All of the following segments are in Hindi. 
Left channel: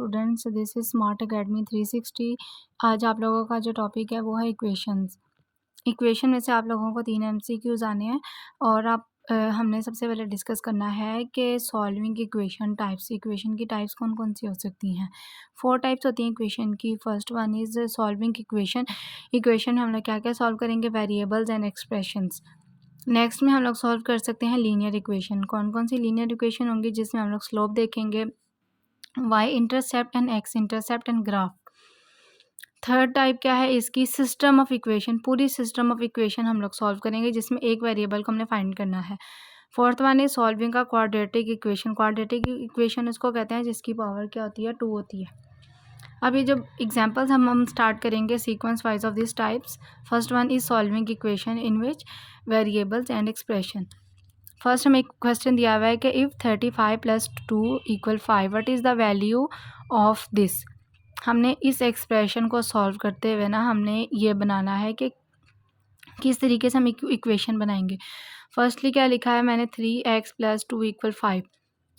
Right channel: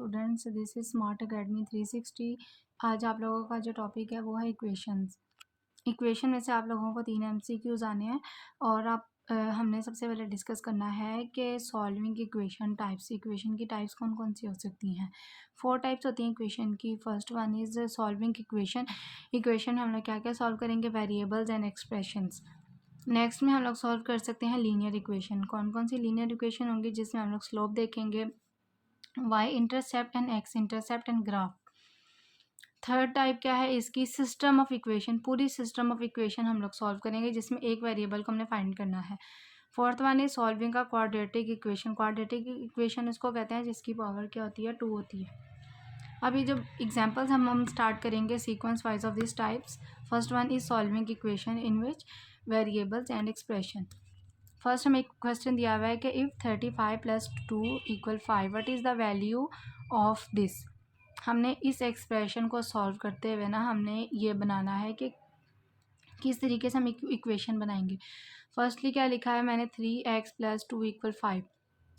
Students, this is smart academy 360। आज आप लोगों का जो टॉपिक है वो है इक्वेशंस। इक्वेशन में से आप लोगों को 3 एमसीक्यूज आने हैं और हमने सबसे पहले डिस्कस करना है कि सॉल्विंग इक्वेशन की टाइप्स कौन कौन सी हो सकती हैं। 4 टाइप्स होती हैं इक्वेशन की। First one is solving equation. Equation में हम लोग क्या क्या सॉल्व करेंगे, वेरिएबल्स एंड एक्सप्रेशंस। नेक्स्ट में हम लोग सॉल्व कर सकते हैं लीनियर इक्वेशन। कौन कौन सी लीनियर इक्वेशन होंगी, जिसमें हम लोग स्लोप देखेंगे, Y intercept and X intercept and graph. Third type क्या है इसकी, सिस्टम ऑफ इक्वेशन। पूरी सिस्टम ऑफ इक्वेशन हम लोग सॉल्व करेंगे जिसमें एक वेरिएबल को हमने फाइंड करना है। फोर्थ वन इज सॉल्विंग का क्वाड्रेटिक इक्वेशन। क्वाड्रेटिक इक्वेशन उसको कहते हैं जिसकी पावर क्या होती है, 2 होती है। अब ये जब एग्जांपल्स हम स्टार्ट करेंगे sequence wise of this types. First one is solving equation in which variables and expression. First हमें एक क्वेश्चन दिया हुआ है कि if 35 + 2 = 5 what is the value of this. हमने इस एक्सप्रेशन को सॉल्व करते हुए ना हमने ये बनाना है कि किस तरीके से हम इक्वेशन बनाएंगे। फर्स्टली क्या लिखा है मैंने, 3x + 2 = 5।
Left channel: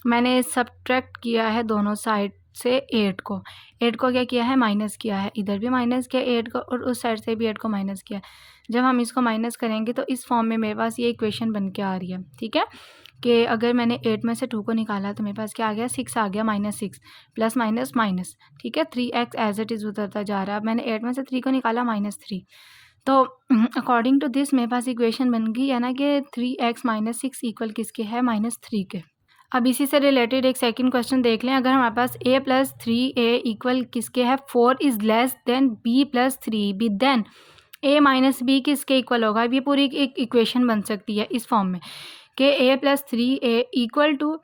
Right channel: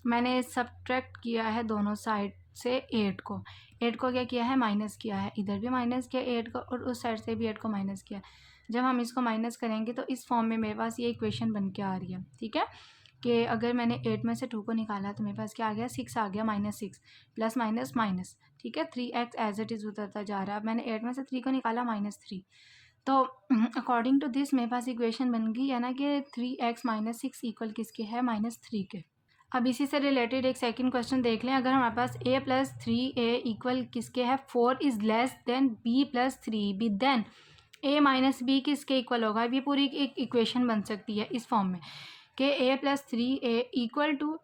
मैंने सब्ट्रैक्ट किया है दोनों साइड से 8 को। 8 को क्या किया है, माइनस किया है। इधर भी माइनस किया 8 को और उस साइड से भी 8 को माइनस किया। जब हम इसको माइनस करेंगे तो इस फॉर्म में मेरे पास ये इक्वेशन बन के आ रही है। ठीक है, कि अगर मैंने 8 में से 2 को निकाला तो मेरे पास क्या आ गया, 6 आ गया, -6 प्लस माइनस माइनस। ठीक है, 3x एज इट इज़ उतरता जा रहा है। अब मैंने 8 में से 3 को निकाला, -3। तो अकॉर्डिंग टू दिस मेरे पास इक्वेशन बन गई है ना कि 3x - 6 = किसके है, -3 के। अब इसी से रिलेटेड एक सेकंड क्वेश्चन देख लें। अगर हमारे पास a + 3a = किसके है, 4 is less than b + 3b, then a - b किसके इक्वल होगा। ये पूरी एक इक्वेशन बन सकती है इस फॉर्म में कि a + 3a =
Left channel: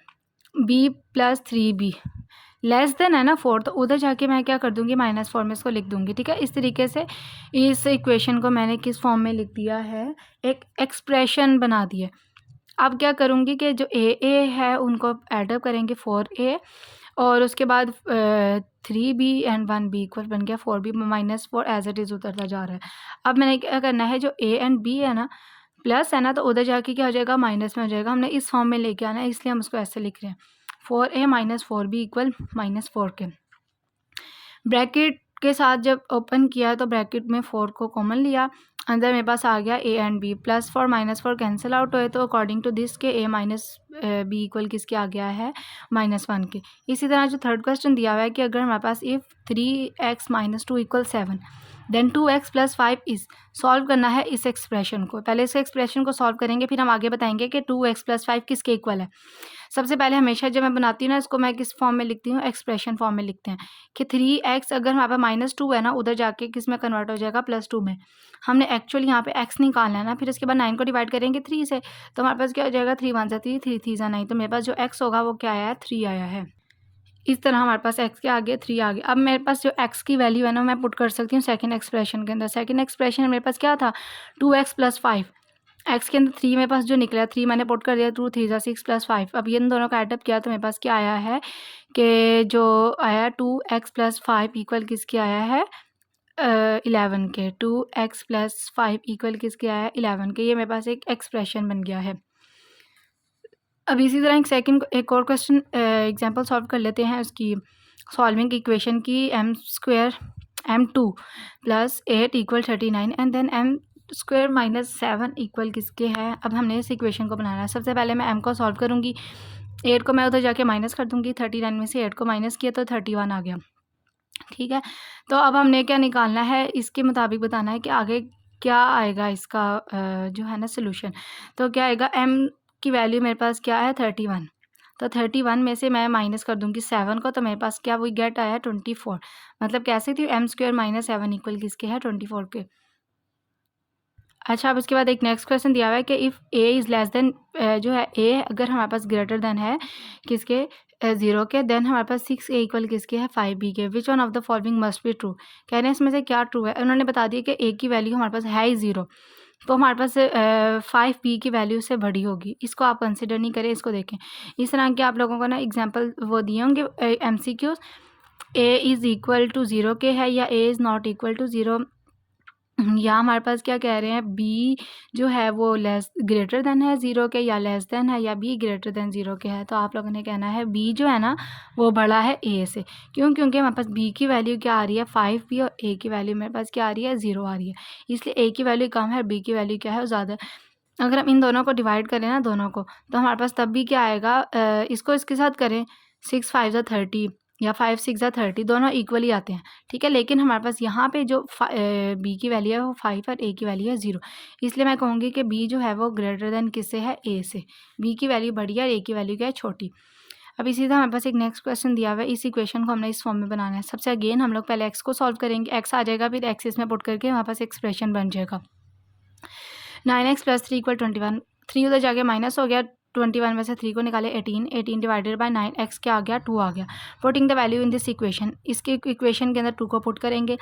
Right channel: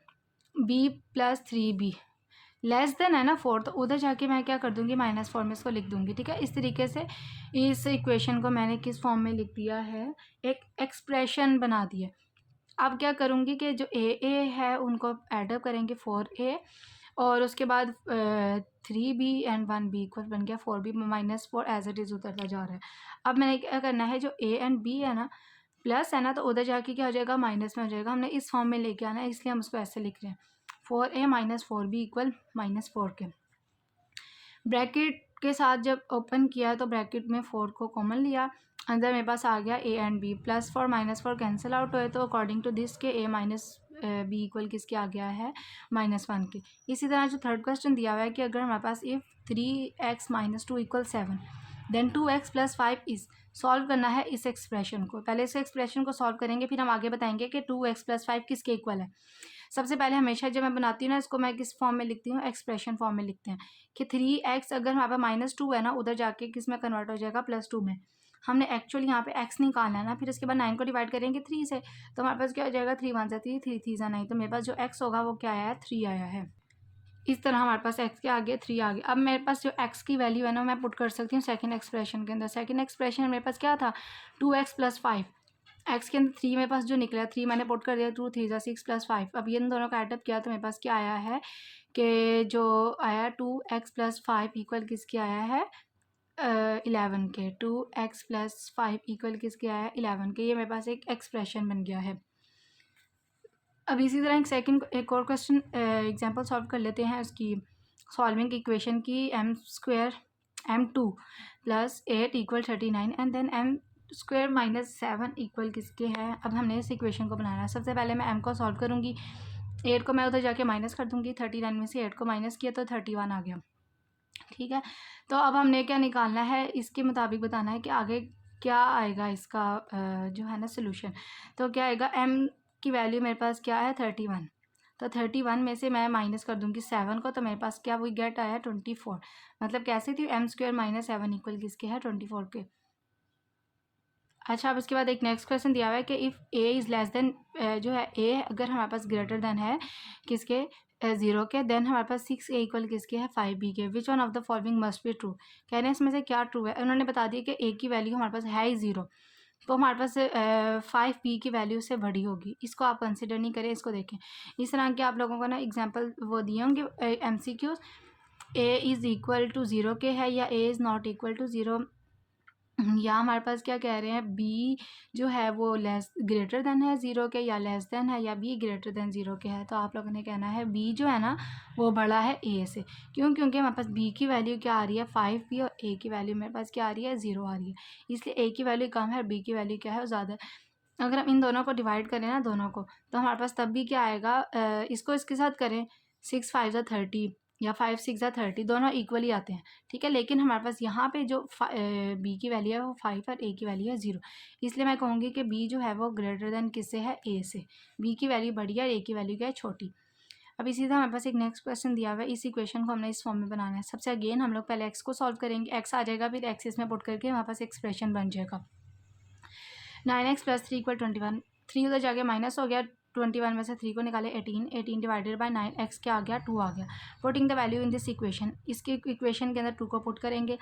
b + 3b। Less than है ना 4, तो उधर जाके मैं क्या कर दूंगी, -4 में इसको लिख दूंगी। ठीक है, इस तरीके से इस इक्वेशन को मैंने किस फॉर्म में लिख दिया है, एक एक्सप्रेशन बना दिया। अब क्या करूँगी कि जो ए है उनको एडअप करेंगे, 4a, और उसके बाद 3b एंड 1b = बन गया 4b -4 एज इट इज़ उतरता जा रहा है। अब मैंने क्या करना है, जो a एंड b है ना, प्लस है ना, तो उधर जाके क्या हो जाएगा, माइनस में हो जाएगा। हमने इस फॉर्म में लेके आना है, इसलिए हम उसको ऐसे लिख रहे हैं, 4a - 4b = -4 के। ब्रैकेट के साथ जब ओपन किया तो ब्रैकेट में 4 को कॉमन लिया, अंदर मेरे पास आ गया a and b। +4 -4 cancel out हुए तो अकॉर्डिंग टू दिस के a - b = किसके आ गया है, -1 के। इसी तरह जो थर्ड क्वेश्चन दिया हुआ है कि अगर हमारे पास if 3x - 2 = 7 then 2x + 5 is. Solve करना है इस एक्सप्रेशन को। पहले इस एक्सप्रेशन को सॉल्व करेंगे, फिर हम आगे बताएंगे कि 2x + 5 किसके इक्वल है। सबसे पहले हमेशा जब मैं बनाती हूँ ना इसको, मैं किस फॉर्म में लिखती हूँ, एक्सप्रेशन फॉर्म में लिखते हैं कि 3x अगर हमारे पास -2 है ना, उधर जाके किस में कन्वर्ट हो जाएगा, +2 में। हमने एक्चुअली यहाँ पे x निकालना है ना, फिर इसके बाद 9 को डिवाइड करेंगे 3 से, तो हमारे पास क्या हो जाएगा, 3 × 1 = 3, 3 × 3 = 9, तो मेरे पास जो x होगा वो क्या आया है, 3 आया है। इस तरह हमारे पास x के आगे 3 आ गया। अब मेरे पास जो x की वैल्यू है ना, मैं पुट कर सकती हूँ सेकंड एक्सप्रेशन के अंदर। सेकंड एक्सप्रेशन मेरे पास क्या था, 2x + 5। x के अंदर 3 मेरे पास जो निकला, 3 मैंने पुट कर दिया, 2 3 × 6 + 5। अब ये इन दोनों का एडअप किया तो मेरे पास क्या आया है कि जो आया 2x + 5 = किसके आया है, 11 के। 2x + 5 = किसके आया है, 11 के। ये मेरे पास एक एक्सप्रेशन बन गया है। अब इसी तरह एक और क्वेश्चन एग्जांपल सॉल्व कर लेते हैं उसकी, सॉल्विंग इक्वेशन की। m² m2 + 8 = 39 and then m² - 7 = किसके है। अब हमने इस इक्वेशन को बनाना है। सबसे पहले मैं m को सॉल्व करूँगी, 8 को मैं उधर जाके माइनस कर दूँगी, 39 में से 8 को माइनस किया तो 31 आ गया। ठीक है, तो अब हमने क्या निकालना है, इसके मुताबिक बताना है कि आगे क्या आएगा इसका जो है ना सोल्यूशन। तो क्या आएगा, m की वैल्यू मेरे पास क्या है, 31। तो 31 में से मैं माइनस कर दूंगी 7 को, तो मेरे पास क्या वही गेट आया है, 24। मतलब कह सकती हूँ m² - 7 = किसके है, 24 के। अच्छा, अब इसके बाद एक नेक्स्ट क्वेश्चन दिया हुआ है कि if a is less then, जो है a अगर हमारे पास ग्रेटर देन है किसके, 0 के, देन हमारे पास 6a = किसके है, 5b के। Which one of the following must be true. कह रहे हैं इसमें से क्या ट्रू है। उन्होंने बता दिया कि a की वैल्यू हमारे पास है ही 0, तो हमारे पास 5b की वैल्यू से बड़ी होगी। इसको आप कंसिडर नहीं करें, इसको देखें। इस तरह के आप लोगों को ना एग्जाम्पल वो दिए होंगे MCQs, a = 0 के है या a ≠ 0 यहाँ हमारे पास क्या कह रहे हैं, बी जो है वो लेस ग्रेटर देन है 0 के, या लेस देन है, या बी ग्रेटर देन 0 के है। तो आप लोगों ने कहना है बी जो है ना वो बड़ा है ए से। क्यों? क्योंकि हमारे पास बी की वैल्यू क्या आ रही है 5b, और ए की वैल्यू मेरे पास क्या आ रही है 0 आ रही है, इसलिए ए की वैल्यू कम है, बी की वैल्यू क्या है वो ज़्यादा है। अगर हम इन दोनों को डिवाइड करें ना, दोनों को, तो हमारे पास तब भी क्या आएगा, इसको इसके साथ करें, 6 5 ज़ा 30 या 5 6 ज़ा 30, दोनों इक्वली आते हैं, ठीक है। लेकिन हमारे पास यहाँ पे जो बी की वैल्यू है वो 5 और ए की वैल्यू है 0, इसलिए मैं कहूँगी कि बी जो है वो ग्रेटर देन किससे है, ए से। बी की वैल्यू बड़ी है और ए की वैल्यू क्या है, छोटी। अब इसी तरह हमारे पास एक नेक्स्ट क्वेश्चन दिया हुआ है, इस इक्वेशन को हमने इस फॉर्म में बनाना है। सबसे अगेन हम लोग पहले एक्स को सॉल्व करेंगे, एक्स आ जाएगा, फिर एक्स इसमें पुट करके हमारे पास एक्सप्रेशन बन जाएगा 9x + 3 = 21। 3 उधर जाके माइनस हो गया, 21 में से 3 को निकाले 18, 18 डिवाइडेड बाय 9, x क्या आ गया 2 आ गया। Putting the value in this equation, इसके इक्वेशन के अंदर 2 को पुट करेंगे,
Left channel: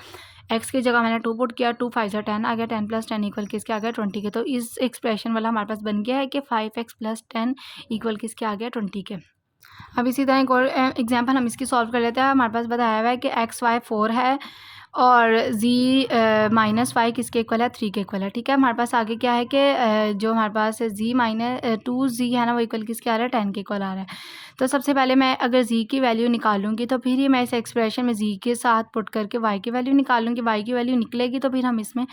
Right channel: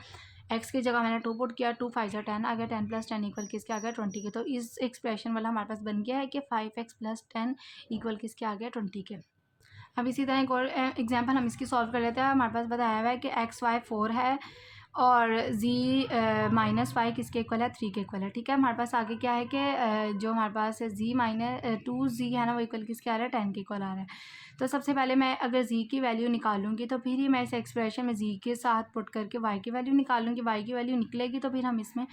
x की जगह मैंने 2 पुट किया, 2 5 ज़ा 10 आ गया, 10 + 10 इक्वल किसके आ गया 20 के। तो इस एक्सप्रेशन वाला हमारे पास बन गया है कि 5x + 10 इक्वल किसके आ गया 20 के। अब इसी तरह एक और एग्जाम्पल हम इसकी सॉल्व कर लेते हैं। हमारे पास बताया हुआ है कि एक्स वाई 4 है और जी -5 किसके इक्वल है, 3 के इक्वल है, ठीक है। हमारे पास आगे क्या है कि जो हमारे पास जी -2z है ना वो इक्वल किसके आ रहा है, 10 के इक्वल आ रहा है। तो सबसे पहले मैं अगर जी की वैल्यू निकालूंगी तो फिर ही मैं इस एक्सप्रेशन में जी के साथ पुट करके वाई की वैल्यू निकालूंगी, वाई की वैल्यू निकलेगी तो फिर हम इसमें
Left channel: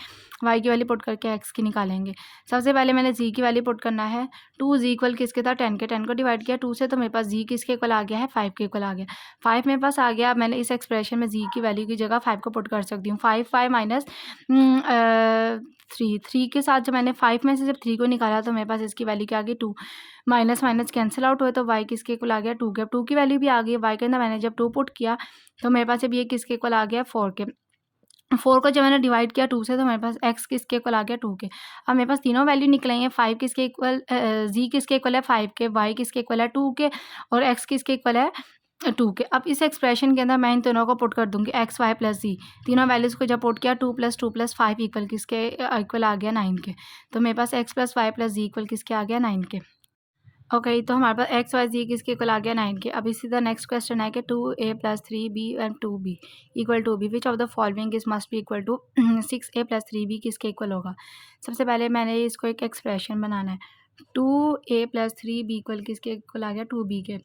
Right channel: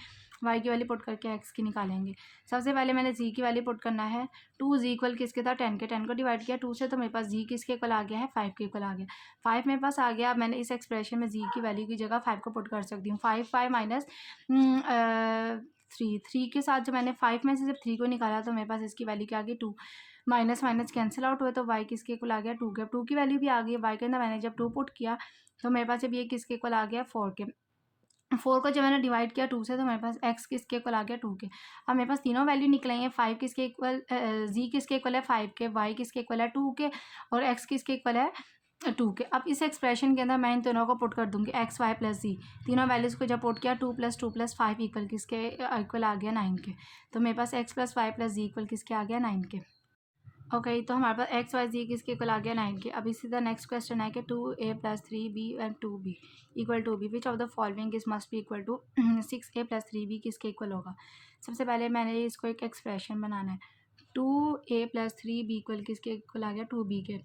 वाई की वैल्यू पुट करके एक्स की निकालेंगे। सबसे पहले मैंने जी की वैल्यू पुट करना है, 2z इक्वल किसके था 10 के, 10 को डिवाइड किया 2 से, तो मेरे पास जी किसके इक्वल आ गया है 5 के इक्वल आ गया। 5 मेरे पास आ गया। अब मैंने इस एक्सप्रेशन में जी की वैल्यू की जगह 5 को पुट कर सकती हूँ। 5 5 माइनस 3 के साथ जब मैंने 5 में से जब 3 को निकाला तो मेरे पास इसकी वैल्यू क्या आ गई 2, माइनस माइनस कैंसिल आउट हुए तो वाई किसके इक्वल आ गया 2 के। अब 2 की वैल्यू भी आ गई, वाई के अंदर मैंने जब 2 पुट किया तो मेरे पास अब ये किसके इक्वल आ गया 4 के। 4 को जब मैंने डिवाइड किया 2 से तो मेरे पास x किसके इक्वल आ गया 2 के। अब मेरे पास तीनों वैल्यू निकल आई हैं, 5 किसके इक्वल, जी किसके इक्वल है 5 के, y किसके इक्वल है 2 के, और x किसके इक्वल है 2 के। अब इस एक्सप्रेशन के अंदर मैं इन दोनों को पुट कर दूंगी, एक्स वाई प्लस जी, तीनों वैल्यूज़ को जब पुट किया 2 + 2 + 5 इक्वल किसके इक्वल आ गया 9 के। तो मेरे पास x + y + z इक्वल किसके आ गया 9 के। ओके, तो हमारे पास एक्स वाई जी किसके इक्वल आ गया 9 के। अब इसी तरह नेक्स्ट क्वेश्चन है कि 2a + 3b and 2b equal to b, which of the following is must be equal to 6a + 3b किसके इक्वल होगा। सबसे पहले मैंने इसको एक एक्सप्रेशन बनाना है, 2a + 3b इक्वल किसके इक्वल आ गया 2b के।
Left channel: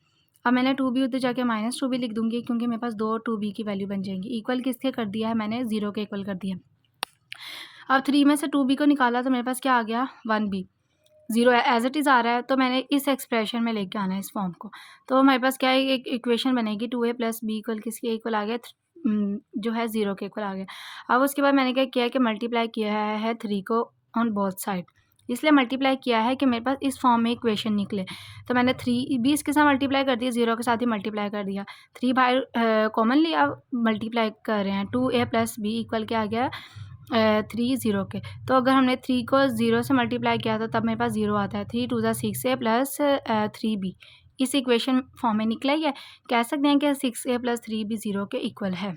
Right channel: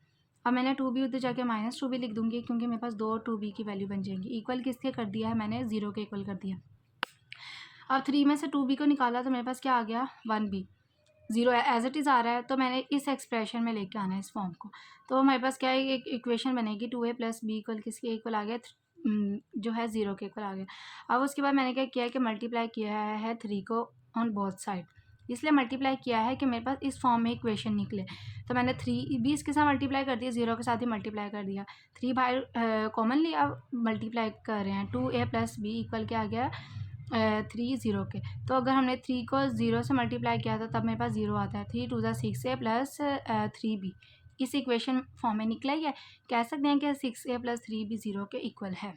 अब मैंने 2b उधर जाके -2b लिख दूंगी क्योंकि मेरे पास दो 2b की वैल्यू बन जाएंगी। इक्वल किसके कर दिया है मैंने, 0 के इक्वल कर दिया। अब 3 में से 2b को निकाला तो मेरे पास क्या आ गया 1b, 0 एज इट इज़ आ रहा है, तो मैंने इस एक्सप्रेशन में लेके आना है इस फॉर्म को। तो हमारे पास क्या है, एक इक्वेशन बनेगी 2a + b इक्वल किसके इक्वल आ गया, जो है 0 के इक्वल आ गया। अब उसके बाद मैंने क्या किया कि मल्टीप्लाई किया है 3 को ऑन बोथ साइड, इसलिए मल्टीप्लाई किया है कि मेरे पास इस फॉर्म में इक्वेशन निकले। तो मैंने 3 20 के साथ मल्टीप्लाई कर दिया, 0 के साथ ही मल्टीप्लाई कर दिया, 3 बाहर कॉमन लिया, मल्टीप्लाई कर रहे हैं, 2a + b इक्वल क्या आ गया 3 0 के। तो अगर हमने 3 को 0 से मल्टीप्लाई किया तो तब मेरे पास 0 आता है, 3 2 ज़ा 6a + 3b इस इक्वेशन फॉर्म में निकला ही है। कह सकते हैं कि 6a + 3b 0 के इक्वल है।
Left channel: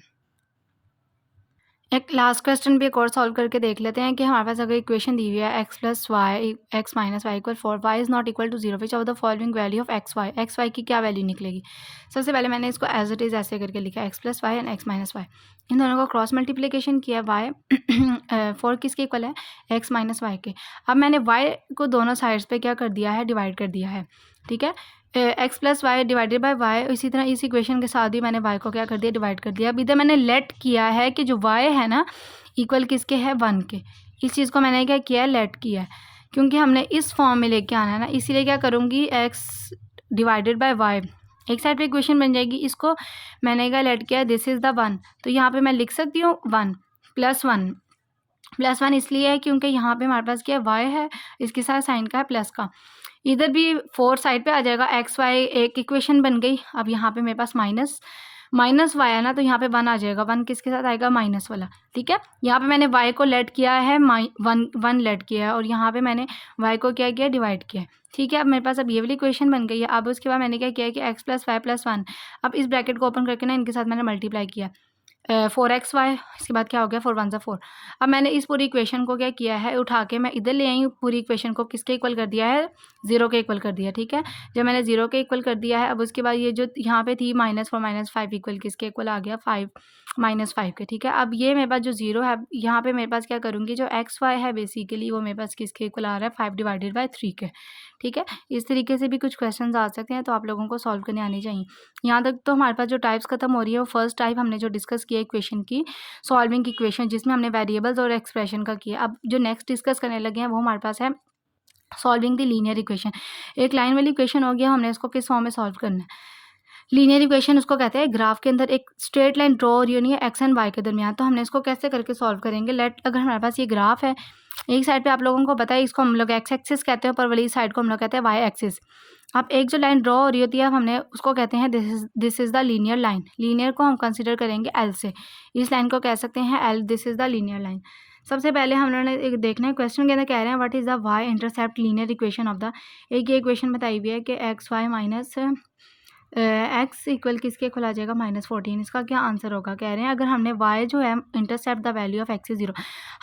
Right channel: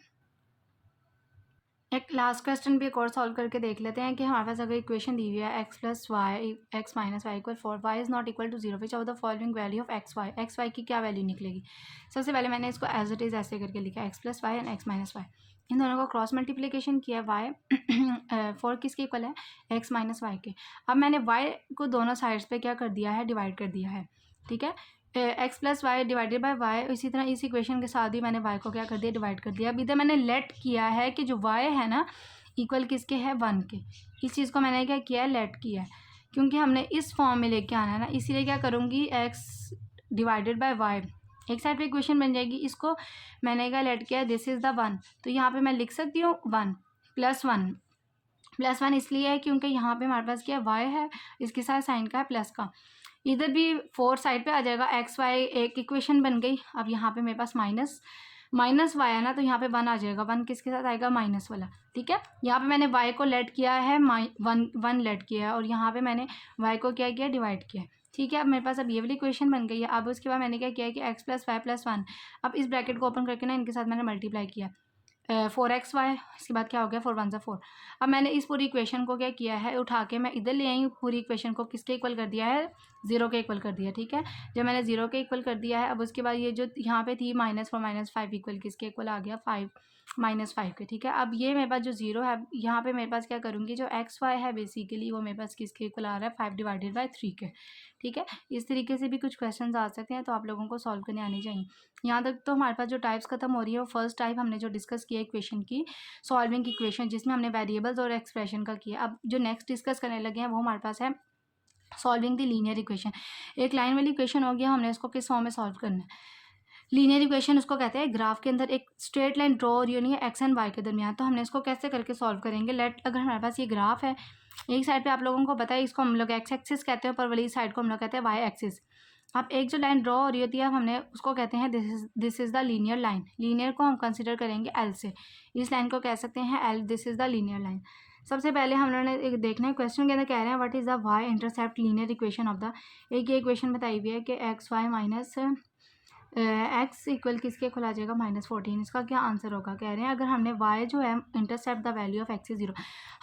एक लास्ट क्वेश्चन भी एक और सॉल्व करके देख लेते हैं कि हमारे पास अगर इक्वेशन दी हुई है x + y x - y = 4, y is not equal to 0, which of the following value of X Y की क्या वैल्यू निकलेगी। सबसे पहले मैंने इसको एज इट इज़ ऐसे करके लिखा, x + y and x - y, इन दोनों को क्रॉस मल्टीप्लिकेशन किया, y 4 किसके इक्वल है x - y के। अब मैंने y को दोनों साइड्स पे क्या कर दिया है, डिवाइड कर दिया है, ठीक है। x + y divided by y, इसी तरह इस इक्वेशन के साथ ही मैंने y को क्या कर दिया, डिवाइड कर दिया। अब इधर मैंने लेट किया है कि जो y है ना इक्वल किसके है 1 के, इस चीज़ को मैंने क्या किया है, लेट किया है, क्योंकि हमने इस फॉर्म में लेके आना है ना, इसीलिए क्या करूँगी x डिवाइडेड बाय y, एक साइड पे इक्वेशन बन जाएगी, इसको मैंने क्या लेट किया, दिस इज़ द 1, तो यहाँ पे मैं लिख सकती हूँ 1 +1 इसलिए है क्योंकि यहाँ पे हमारे पास क्या y है, इसके साथ साइन का है प्लस का, इधर भी 4 साइड पे आ जाएगा, एक्स वाई एक इक्वेशन बन गई। अब यहाँ पे मेरे पास माइनस वाई है ना, तो यहाँ पे 1 आ जाएगा, 1 किसके साथ आएगा माइनस वाला, ठीक है। यहाँ पे मैंने y को लेट किया है, 1 लेट किया है, और यहाँ पे मैंने y को क्या किया, डिवाइड किया है, ठीक है। अब मेरे पास अब ये वाली इक्वेशन बन गई है। अब उसके बाद मैंने क्या किया है कि x + y + 1, अब इस ब्रैकेट को ओपन करके ना इनके साथ मैंने मल्टीप्लाई किया, 4xy, इसके बाद क्या हो गया 4 1 ज़ा 4। अब मैंने इस पूरी इक्वेशन को क्या किया है, उठा के मैं इधर ले आई हूँ, पूरी इक्वेशन को किसके इक्वल कर दिया है, 0 के इक्वल कर दिया, ठीक है। जब मैंने 0 के इक्वल कर दिया है, अब उसके बाद ये जो यहाँ पे थी -4 -5 इक्वल किसके इक्वल आ गया, 5 -5 के, ठीक है। अब ये मेरे पास जो 0 है, यहाँ पे मेरे पास क्या करूँगी, जो xy है बेसिकली वो मेरे पास किसके इक्वल आ रहा है, 5/3 के, ठीक है। इस तरीके से भी कुछ क्वेश्चंस आ सकते हैं, तो आप लोगों को सॉल्व करने आने चाहिए। यहाँ तक तो हमारे पास जो टाइप्स खत्म हो रही है, वो फर्स्ट टाइप हमने जो डिस्कस किया इक्वेशन की, सॉल्विंग इक्वेशन, जिसमें हमने वेरिएबल्स और एक्सप्रेशन का किया। अब जो नेक्स्ट डिस्कस करने लगे हैं, वो हमारे पास है सॉल्विंग द लीनियर इक्वेशन। एक लाइन वाली इक्वेशन हो गया, हमने इसको किस फॉर्म में सॉल्व करना है। लीनियर इक्वेशन उसको कहते हैं, ग्राफ के अंदर एक स्ट्रेट लाइन ड्रॉ हो रही होनी है एक्स एंड वाई के दरमियान, तो हमने इसको कैसे करके सॉल्व करेंगे। अगर हमारे पास ये ग्राफ है, एक साइड पे आप लोगों को पता है इसको हम लोग एक्स एक्सिस कहते हैं, ऊपर वाली साइड को हम लोग कहते हैं वाई एक्सिस। अब एक जो लाइन ड्रॉ हो रही होती है, हमने उसको कहते हैं this is the linear line. Linear को हम कंसिडर करेंगे एल से, इस लाइन को कह सकते हैं L, this is the linear line. सबसे पहले हमने एक देखना है, क्वेश्चन के अंदर कह रहे हैं what is the Y intercept linear equation of the, एक ये इक्वेशन बताई हुई है कि X Y minus X equal किसके इक्वल आ जाएगा, -14। इसका क्या आंसर होगा, कह रहे हैं अगर हमने y जो है intercept the value of x is 0,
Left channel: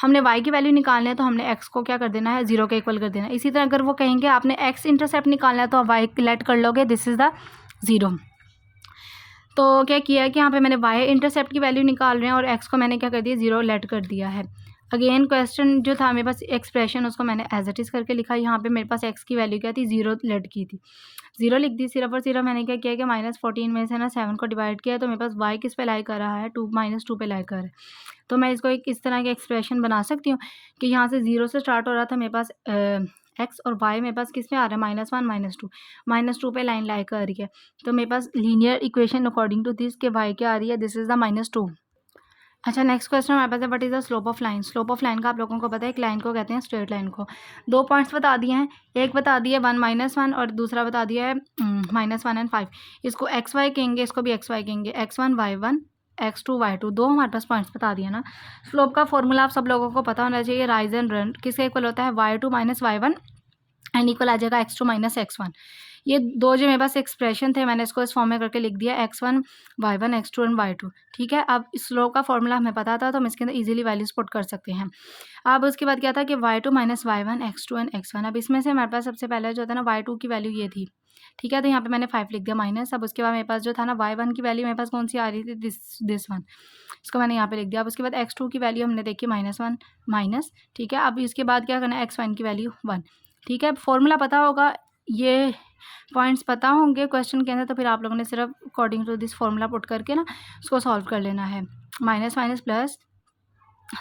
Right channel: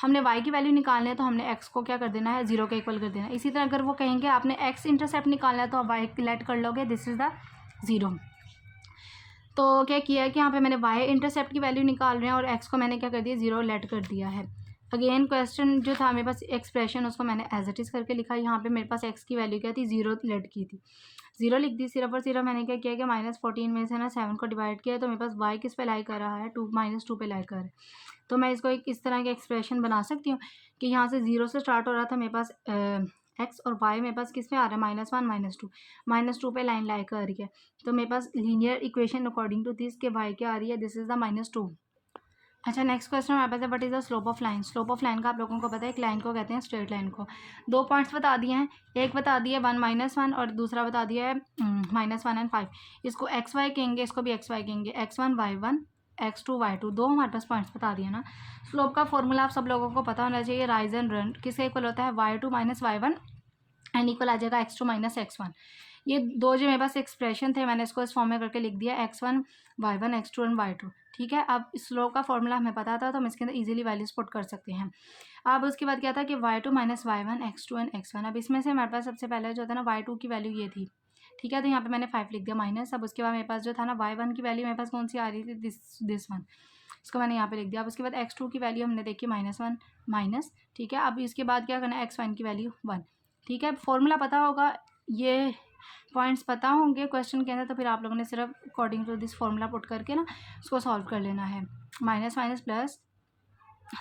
हमने y की वैल्यू निकालना है तो हमने x को क्या कर देना है, 0 के इक्वल कर देना है। इसी तरह अगर वो कहेंगे आपने x इंटरसेप्ट निकालना है तो आप y लेट कर लोगे, दिस इज़ द 0। तो क्या किया है कि यहाँ पे मैंने y इंटरसेप्ट की वैल्यू निकाल रहे हैं और x को मैंने क्या कर दिया, 0 लेट कर दिया है। अगेन क्वेश्चन जो था मेरे पास एक्सप्रेशन, उसको मैंने एज इट इज़ करके लिखा। यहाँ पे मेरे पास x की वैल्यू क्या थी, 0 लेट की थी, 0 लिख दी सिर्फ और सिर्फ। मैंने क्या किया कि -14 में से ना 7 को डिवाइड किया, तो मेरे पास y किस पे लाई कर रहा है, 2 -2 पे लाई कर रहा है। तो मैं इसको एक इस तरह की एक्सप्रेशन बना सकती हूँ कि यहाँ से 0 से स्टार्ट हो रहा था मेरे पास x, और y मेरे पास किस में आ रहा है, -1 -2 पे लाइन लाई कर रही है। तो मेरे पास linear equation according to this के y क्या आ रही है, दिस इज़ द -2। अच्छा, नेक्स्ट क्वेश्चन हमारे पास है what is the slope of line. Slope of line का आप लोगों को पता है, एक लाइन को कहते हैं स्ट्रेट लाइन को। दो पॉइंट्स बता दिए हैं, एक बता दिया 1 -1 और दूसरा बता दिया है -1 एंड 5। इसको एक्स वाई कहेंगे, इसको भी एक्स वाई कहेंगे, x1 y1 x2 y2, दो हमारे पास पॉइंट्स बता दिए ना। स्लोप का फॉर्मूला आप सब लोगों को पता होना चाहिए, राइज एंड रन किसके इक्वल होता है, y2 - y1 एंड इक्वल आ जाएगा x2 - x1। ये दो जो मेरे पास एक्सप्रेशन थे, मैंने इसको इस फॉर्म में करके लिख दिया, x1 y1 x2 and y2, ठीक है। अब स्लोप का फॉर्मूला हमें पता था, तो हम इसके अंदर इजीली वैल्यूज पुट कर सकते हैं। अब उसके बाद क्या था कि y2 - y1 x2 and x1। अब इसमें से हमारे पास सबसे पहले जो था ना, y2 की वैल्यू ये थी, ठीक है। तो यहाँ पे मैंने 5 लिख दिया माइनस। अब उसके बाद मेरे पास जो था ना, y1 की वैल्यू मेरे पास कौन सी आ रही थी, दिस वन, इसको मैंने यहाँ पे लिख दिया। अब उसके बाद x2 की वैल्यू हमने देखी -1 माइनस, ठीक है। अब इसके बाद क्या करना है, x1 की वैल्यू 1, ठीक है। फॉर्मूला पता होगा, ये पॉइंट्स पता होंगे क्वेश्चन के अंदर, तो फिर आप लोगों ने सिर्फ according to this formula put करके ना उसको सॉल्व कर लेना है। Minus minus plus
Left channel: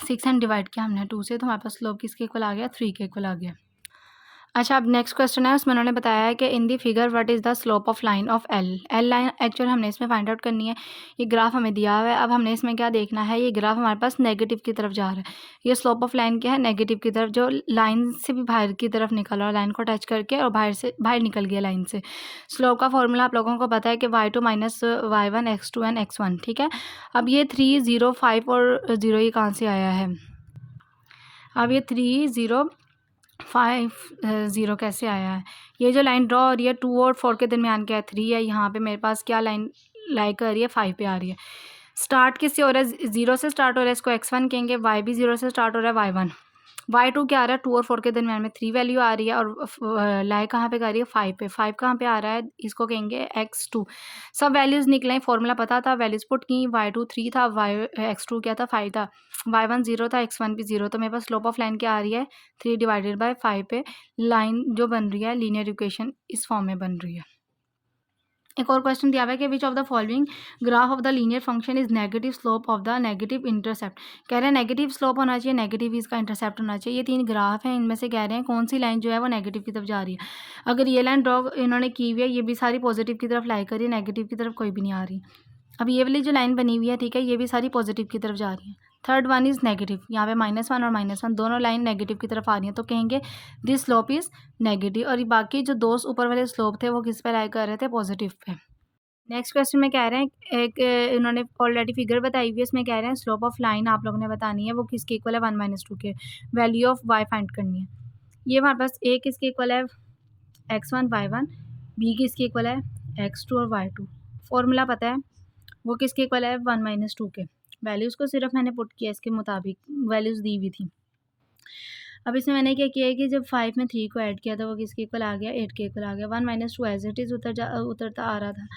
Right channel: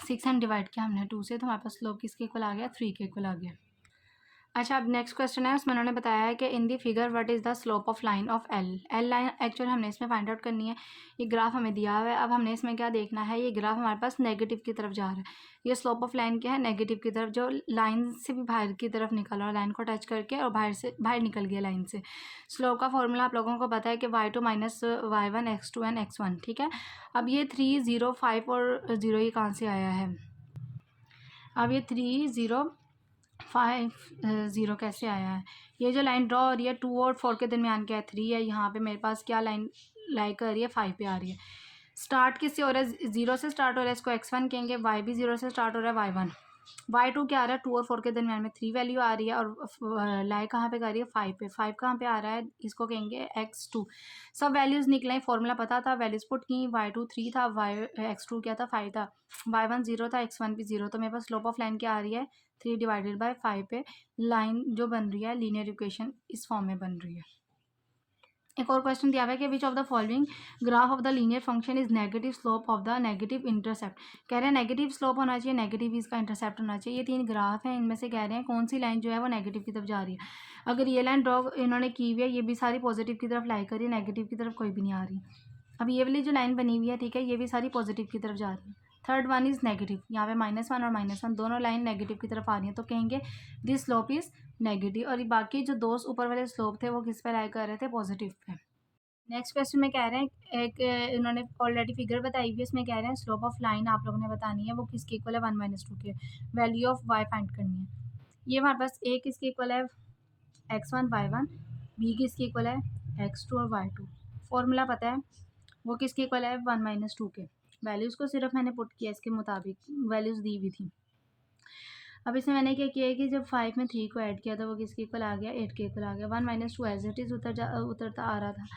6 and divide किया हमने 2 से, तो हमारे पास स्लोप किसके इक्वल आ गया, 3 के इक्वल आ गया। अच्छा, अब नेक्स्ट क्वेश्चन है, उसमें उन्होंने बताया है कि in the figure what is the slope of line of L line actual हमने इसमें फाइंड आउट करनी है। ये ग्राफ हमें दिया हुआ है, अब हमने इसमें क्या देखना है, ये ग्राफ हमारे पास नेगेटिव की तरफ जा रहा है। ये स्लोप ऑफ लाइन क्या है, नेगेटिव की तरफ, जो लाइन से भी बाहर की तरफ निकल रहा है, लाइन को टच करके और बाहर निकल गया लाइन से। स्लोप का फॉर्मूला आप लोगों को पता है कि y2 - y1 x2 and x1, ठीक है। अब ये 3 0 5 और 0 ये कहाँ से आया है, अब ये 3 0 5 0 कैसे आया है। ये जो लाइन ड्रॉ हो रही है 2 और 4 के दरमियान क्या है, 3 है। यहाँ पे मेरे पास क्या लाइन लाई कर रही है, 5 पे आ रही है। स्टार्ट किससे हो रहा है, 0 से स्टार्ट हो रहा है, इसको x1 कहेंगे। y भी 0 से स्टार्ट हो रहा है, y1। y2 क्या आ रहा है, 2 और 4 के दरमियान में 3 वैल्यू आ रही है, और लाई कहाँ पे आ रही है, 5 पे। 5 कहाँ पे आ रहा है, इसको कहेंगे x2। सब वैल्यूज़ निकलें, फॉर्मूला पता था, वैल्यूज़ पुट की। y2 3 था, x2 क्या था, 5 था, y1 0 था, x1 भी 0। तो मेरे पास स्लोप ऑफ लाइन क्या आ रही है, 3/5 पे लाइन जो बन रही है, लीनियर इक्वेशन इस फॉर्म में बन रही है। एक और क्वेश्चन दिया हुआ है कि विच of the following graph of the linear function is negative slope of the negative intercept. कह रहे हैं नेगेटिव स्लोप होना चाहिए, नेगेटिव इसका इंटरसेप्ट होना चाहिए। ये 3 ग्राफ हैं, इनमें से कह रहे हैं कौन सी लाइन जो है वो नेगेटिव की तरफ जा रही है। अगर ये लाइन ड्रॉ इन्होंने की हुई है, ये भी सारी पॉजिटिव की तरफ लाई कर रही है, नेगेटिव की तरफ कोई भी नहीं आ रही। अब ये वाली जो लाइन बनी हुई है, ठीक है, ये भी सारी पॉजिटिव की तरफ जा रही है। थर्ड वन इज़ नेगेटिव, यहाँ पे -1 और -1 दोनों लाइन नेगेटिव की तरफ आ रही हैं, तो कहेंगे दिस स्लोप इज़ नेगेटिव। और ये बाकी जो दो ऊपर वाले स्लोप थे वो किस पे लाई कर रहे थे, पॉजिटिव पे। नेक्स्ट क्वेश्चन में कह रहे हैं, एक इन्होंने ऑलरेडी फिगर बताई हुई है, उसमें कह रहे हैं स्लोप ऑफ लाइन आप लोगों ने बतानी है, वो किसके इक्वल है, 1 - 2 के। वैल्यू ऑफ y फाइंड करनी है। ये हमारे पास a किसके इक्वल है, x1 y1, b किसके इक्वल है, x2 और y2। फॉर्मूला पता है, वो किसके इक्वल है, 1 - 2 के। वैल्यूज़ को सिर्फ मैंने पुट किया, इसके मुताबिक वैल्यूज़ दी हुई थी। अब इसमें मैंने क्या किया है कि जब 5 में 3 को ऐड किया तो वो किसके इक्वल आ गया, 8 के इक्वल आ गया। 1 माइनस 2 एज़ इट इज़ उतरता आ रहा था।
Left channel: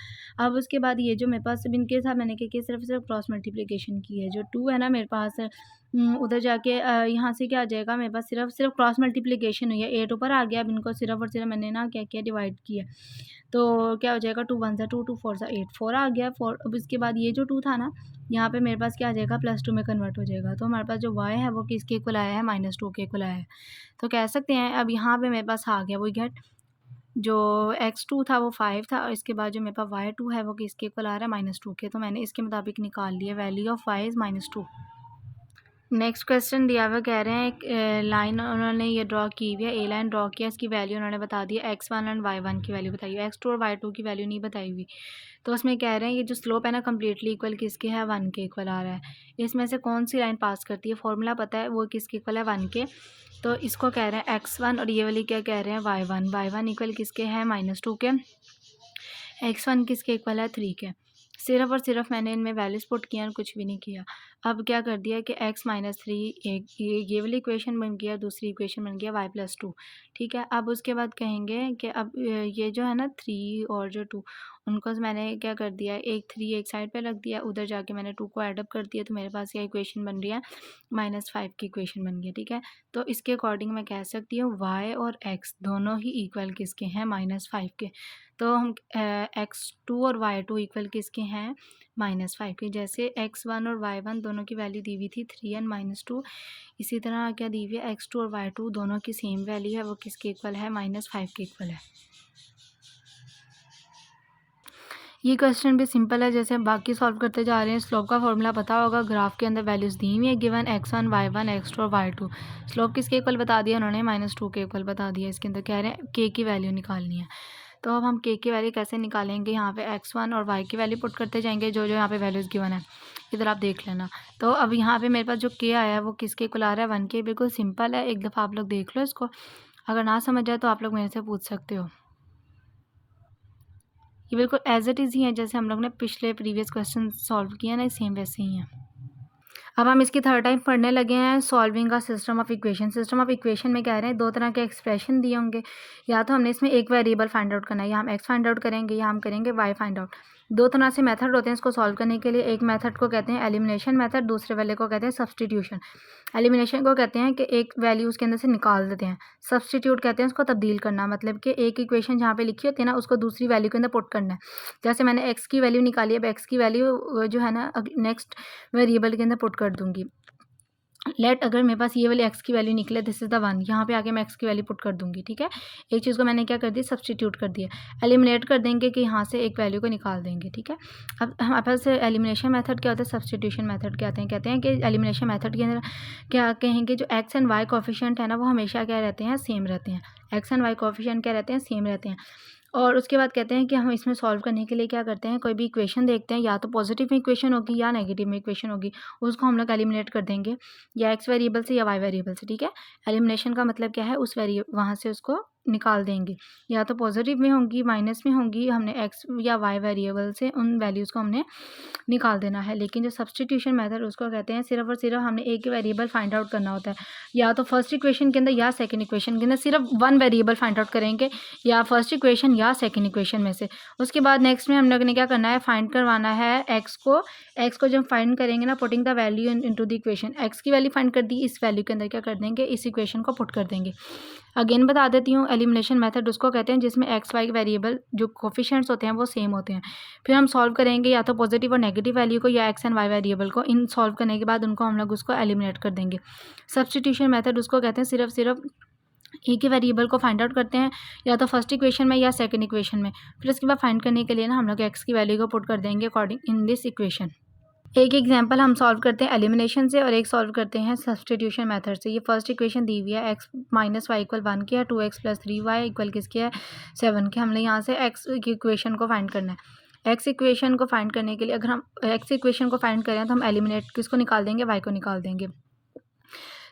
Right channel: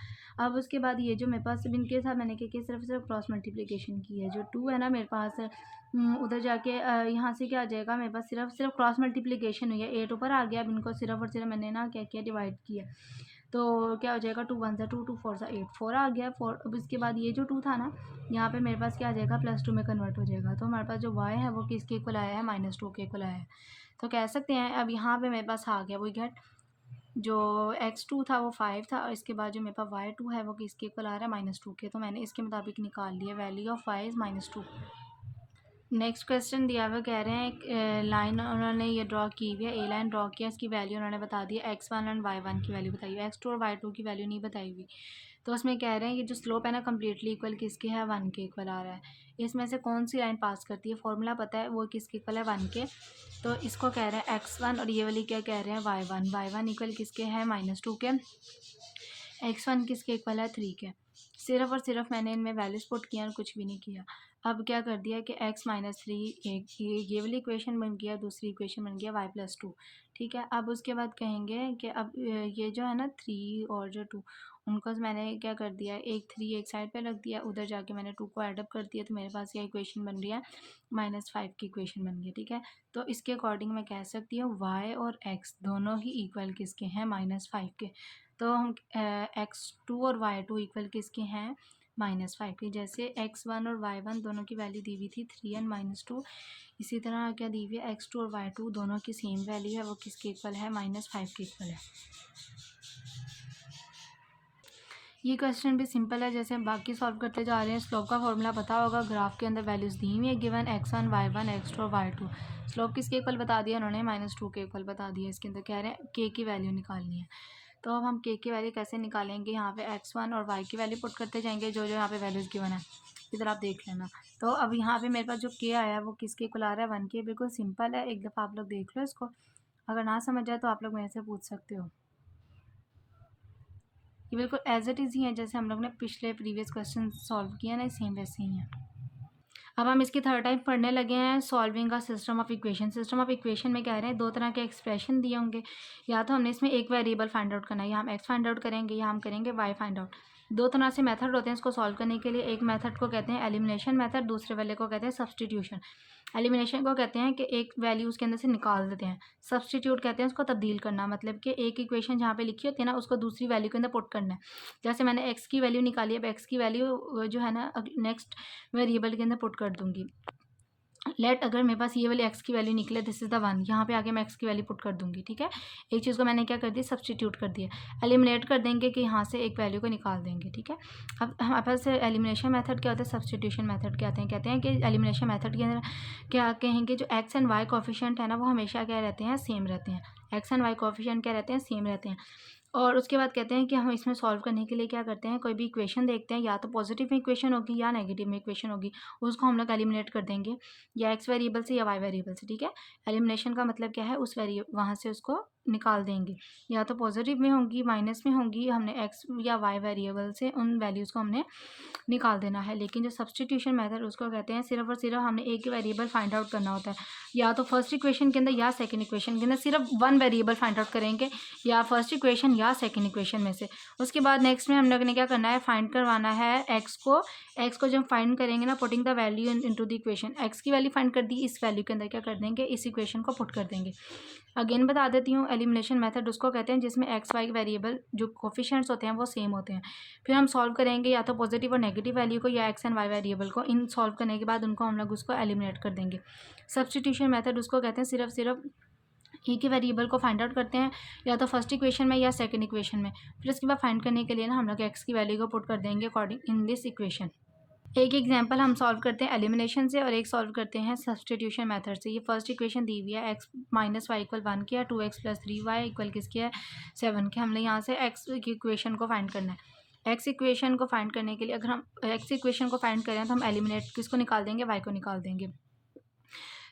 अब उसके बाद ये जो मेरे पास अब इनके साथ मैंने क्या किया, सिर्फ क्रॉस मल्टीप्लिकेशन की है। जो 2 है ना मेरे पास, उधर जाके यहाँ से क्या आ जाएगा मेरे पास, सिर्फ क्रॉस मल्टीप्लिकेशन हुई है। 8 ऊपर आ गया। अब इनको सिर्फ और सिर्फ मैंने ना क्या किया, डिवाइड किया। तो क्या हो जाएगा, 2 1 ज़ा 2, 2 4 ज़ा 8, 4 आ गया 4। अब इसके बाद ये जो 2 था ना, यहाँ पे मेरे पास क्या आ जाएगा, +2 में कन्वर्ट हो जाएगा। तो हमारे पास जो y है वो किसके इक्वल आया है, -2 के इक्वल आया है। तो कह सकते हैं अब यहाँ पे मेरे पास आ गया वो गेट, जो x2 था वो 5 था, और इसके बाद जो मेरे पास y2 है वो किसके इक्वल आ रहा है, -2 के। तो मैंने इसके मुताबिक निकाल लिया, value of y is -2। Next question दिया हुआ, कह रहे हैं एक लाइन उन्होंने ये ड्रॉ की हुई है, ए लाइन ड्रॉ किया, इसकी वैल्यू उन्होंने बता दी है x1 एंड y1 की वैल्यू बताई हुई है, x2 और y2 की वैल्यू नहीं बताई हुई। तो उसमें कह रहे हैं ये जो स्लोप है ना कम्प्लीटली इक्वल किसके है, 1 के इक्वल आ रहा है। इसमें से कौन सी लाइन पास करती है, फॉर्मूला पता है वो किसके इक्वल है, 1 के। तो इसको कह रहे हैं x1 और ये वाली क्या कह रहे हैं, y1 इक्वल किसके है, -2 के। x1 किसके इक्वल है, 3 के। सिर्फ और सिर्फ मैंने इनमें वैल्यूज़ पुट किया और कुछ भी नहीं किया। अब क्या कर दिया कि x माइनस 3, एक ये वाली इक्वेशन बन गया, दूसरी इक्वेशन बन गया y+2। ठीक है। अब उसके बाद कहेंगे कि अब ये जो है ना 3 और जो 2, उनको मैंने क्या कर दिया, एक 3 एक साइड पे रख दिया, उधर जाके मैंने 2 को ऐड अप कर दिया, तो मेरे पास ये इक्वेशन बन रही है, -5 की इक्वेशन बन गई। ठीक है। तो इसके अकॉर्डिंग मैं कह सकती हूँ y और x दोनों ही इक्वल किसके हैं, -5 के। तो हम x2 और y2 इक्वल किसके हैं, -5 के। जैसे x1 और y1 दोनों की वैल्यू दी हुई थी 3 एंड -2, इसी तरह क्या दी हुई है, x2 और y2 दोनों की सेम वैल्यू है, वो किसके इक्वल है, -5 के इक्वल है। ये क्वेश्चन भी सिंपल है, जैसे हम बाकी सॉल्व करते जा रहे हैं। स्लोप का फॉर्मूला पता होगा, ग्राफ के अंदर वैल्यूज़ दी हुई है, गिवन x1 y1 x2 और y2। स्लोप किसके इक्वल बता दिया उन्होंने, -2 के इक्वल बता दिया। इसके अंदर कह रहे हैं k की वैल्यू निकालनी है। तो अब हम k की वैल्यू कैसे निकालेंगे, यहाँ पे x1 और y की वैल्यू पुट करते जाएंगे, जो जो यहाँ पे वैल्यूज़ गिवन है इधर आप देख लेना। तो अब यहाँ पे मेरे पास जो k आया है वो किसके इक्वल आ रहा है, 1 के। बिल्कुल सिंपल है, एक दफ़ा आप लोग देख लो इसको, अगर ना समझ आए तो आप लोग मेरे से पूछ सकते हो। ये बिल्कुल एज इट इज़ ही है, जैसे हम लोग ने पिछले प्रीवियस क्वेश्चन सॉल्व किया ना, सेम वैसे ही है। अब हम इसकी थर्ड टाइम पढ़ने लगे हैं, सॉल्विंग का system of equation. System of equation में कह रहे हैं दो तरह के एक्सप्रेशन दिए होंगे, या तो हमने इसमें एक वेरिएबल फाइंड आउट करना है, या हम एक्स फाइंड आउट करेंगे या हम करेंगे वाई फाइंड आउट। दो तरह से मेथड होते हैं इसको सॉल्व करने के लिए। एक मेथड को कहते हैं एलिमिनेशन मेथड, दूसरे वाले को कहते हैं सब्सटीट्यूशन। एलिमिनेशन को कहते हैं कि एक वैल्यू उसके अंदर से निकाल देते हैं। सब्सटीट्यूट कहते हैं उसको तब्दील करना, मतलब कि एक इक्वेशन जहाँ पे लिखी होती है ना, उसको दूसरी वैल्यू के अंदर पुट करना है। जैसे मैंने एक्स की वैल्यू निकाली, अब एक्स की वैल्यू जो है ना नेक्स्ट वेरिएबल के अंदर पुट कर दूंगी। लेट अगर मेरे पास ये वाली एक्स की वैल्यू निकले, दिस इज़ द 1, यहाँ पे आके मैं एक्स की वैल्यू पुट कर दूंगी। ठीक है। एक चीज़ को मैंने क्या कर दिया, सब्सटीट्यूट कर दिया। एलिमिनेट कर देंगे कि यहाँ से एक वैल्यू को निकाल देंगे। ठीक है। अब हमारे पास एलिमिनेशन मेथड क्या होता है, सब्सटीट्यूशन मेथड क्या आते हैं, कहते हैं कि एलिमिनेशन मेथड के अंदर क्या कहेंगे, जो एक्स एंड वाई कोफिशिएंट है ना, वो हमेशा क्या रहते हैं, सेम रहते हैं। एक्स एंड वाई कोफिशिएंट क्या रहते हैं, सेम रहते हैं। और उसके बाद कहते हैं कि हम इसमें सॉल्व करने के लिए क्या करते हैं, कोई भी इक्वेशन देखते हैं, या तो पॉजिटिव में इक्वेशन होगी या नेगेटिव में इक्वेशन होगी, उसको हम लोग एलिमिनेट कर देंगे, या एक्स वेरिएबल से या वाई वेरिएबल से। ठीक है। एलिमिनेशन का मतलब क्या है, उस वहाँ से उसको निकाल देंगे, या तो पॉजिटिव में होंगी माइनस में होंगी, हमने एक्स या वाई वेरिएबल से उन वैल्यूज़ को हमने निकाल देना है। लेकिन जो सब्सटीट्यूशन मेथड उसको कहते हैं सिर्फ और सिर्फ हमने एक ही वेरिएबल फाइंड आउट करना होता है, या तो फर्स्ट इक्वेशन के अंदर या सेकंड इक्वेशन के अंदर सिर्फ वन वेरिएबल फाइंड आउट करेंगे, या फर्स्ट इक्वेशन या सेकंड इक्वेशन में से। उसके बाद नेक्स्ट में हम लोग ने क्या करना है, फाइंड करवाना है एक्स को जब फाइंड करेंगे ना, putting the value into the equation. X की वैल्यू फाइंड कर दी, इस वैल्यू के अंदर क्या कर देंगे, इस इक्वेशन को पुट कर देंगे। अगेन बता देती हूँ, एलिमिनेशन मेथड उसको कहते हैं जिसमें एक्स वाई वेरिएबल जो कोफिशिएंट्स होते हैं वो सेम होते हैं। फिर हम सॉल्व करेंगे या तो पॉजिटिव और नेगेटिव वैल्यू को, या एक्स एंड वाई वेरिएबल को। इन सॉल्व करने के बाद उनको हम लोग उसको एलिमिनेट कर देंगे। सब्सटीट्यूशन मेथड उसको कहते हैं सिर्फ एक ही वेरिएबल को फाइंड आउट करते हैं, या तो फर्स्ट इक्वेशन में या सेकंड इक्वेशन में। फिर उसके बाद फाइंड करने के लिए ना हम लोग एक्स की वैल्यू को पुट कर देंगे अकॉर्डिंग इन दिस इक्वेशन। एक एग्जांपल हम सॉल्व करते हैं एलिमिनेशन से, और एक सॉल्व करते हैं सब्सटीट्यूशन मेथड से। ये फर्स्ट इक्वेशन दी हुई है, एक्स माइनस वाई इक्वल 1 की है, 2x प्लस 3y इक्वल किसकी है, 7 के। हमने यहाँ से एक्स की इक्वेशन को फाइंड करना है। एक्स इक्वेशन को फाइंड करने के लिए अगर हम एक्स इक्वेशन को फाइंड करें तो हम एलिमिनेट किसको निकाल देंगे, वाई को निकाल देंगे।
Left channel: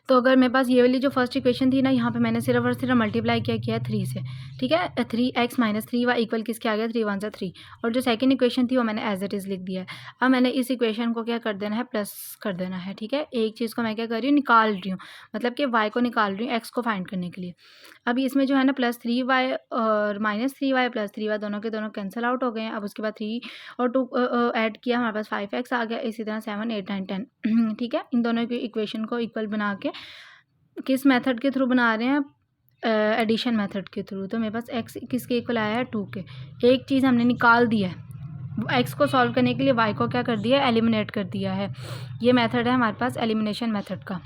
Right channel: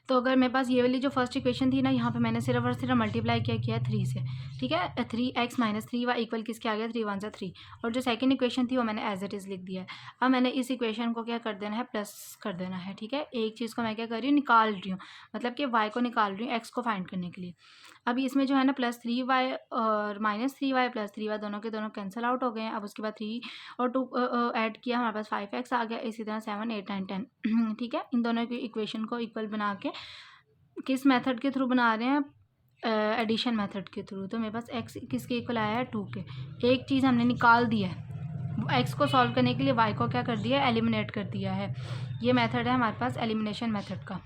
तो अगर मेरे पास ये वाली जो फर्स्ट इक्वेशन थी ना, यहाँ पे मैंने सिर्फ और सिर्फ मल्टीप्लाई क्या किया है 3 से, ठीक है। 3x माइनस 3y इक्वल किसके आ गया, 3 वन सा 3। और जो सेकंड इक्वेशन थी वो मैंने एज इट इज़ लिख दिया है। अब मैंने इस इक्वेशन को क्या कर देना है, प्लस कर देना है, ठीक है। एक चीज़ को मैं क्या कर रही हूँ, निकाल रही हूँ, मतलब कि y को निकाल रही हूँ x को फाइंड करने के लिए। अभी इसमें जो है ना +3y और -3y +3y दोनों के दोनों कैंसिल आउट हो गए हैं। अब उसके बाद 3 और 2 ऐड किया, हमारे पास 5x आ गया। इसी तरह 7 8 9 10 ठीक है। इन दोनों की इक्वेशन को इक्वल बना के किस मेथड के थ्रू बना रहे हैं, एडिशन मेथड के थ्रू। तो मेरे पास x किसके इक्वल आया है, 2 के। एक चीज़ हमने निकाल दिया है, x को सॉल्व करने के लिए y को क्या कर दिया है, एलिमिनेट कर दिया है। ये मेथड है हमारे पास एलिमिनेशन मेथड का।